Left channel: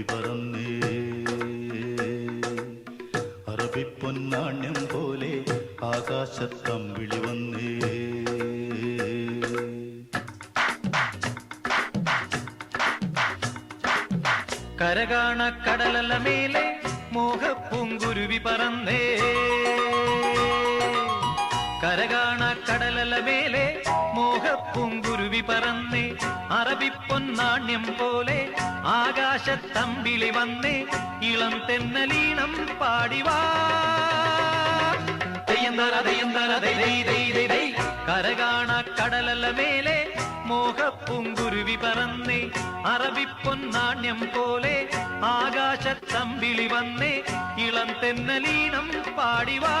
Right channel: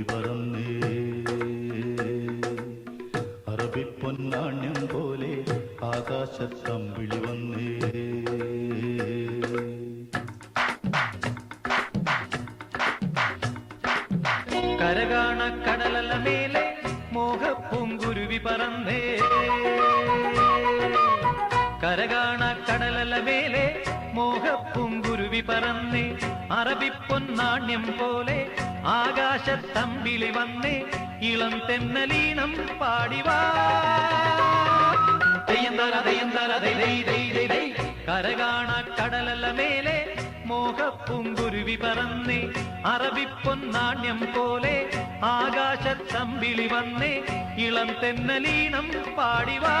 പൂങ്കുരുവി പറന്നേ അറബിപ്പൊന്നാണ്യം പോലെ ആകാശത്തമ്പിളി വന്നേ കരകാണ കടലല മേലെ മോഹപ്പൂങ്കുരുവി പറന്നേ കരകാണ കടലല മേലെ മോഹപ്പൂങ്കുരുവി പറന്നേ അറബിപ്പൊന്നാണ്യം പോലെ ആകാശത്തമ്പിളി വന്നേ ഇളം തെന്നലീണം പാടിവാ കരകാണ കടലല മേലെ മോഹപ്പൂങ്കുരുവി പറന്നേ അറബിപ്പൊന്നാണ്യം പോലെ ആകാശത്തമ്പിളി വന്നേ ഇളം തെന്നലീണം പാടിവാ.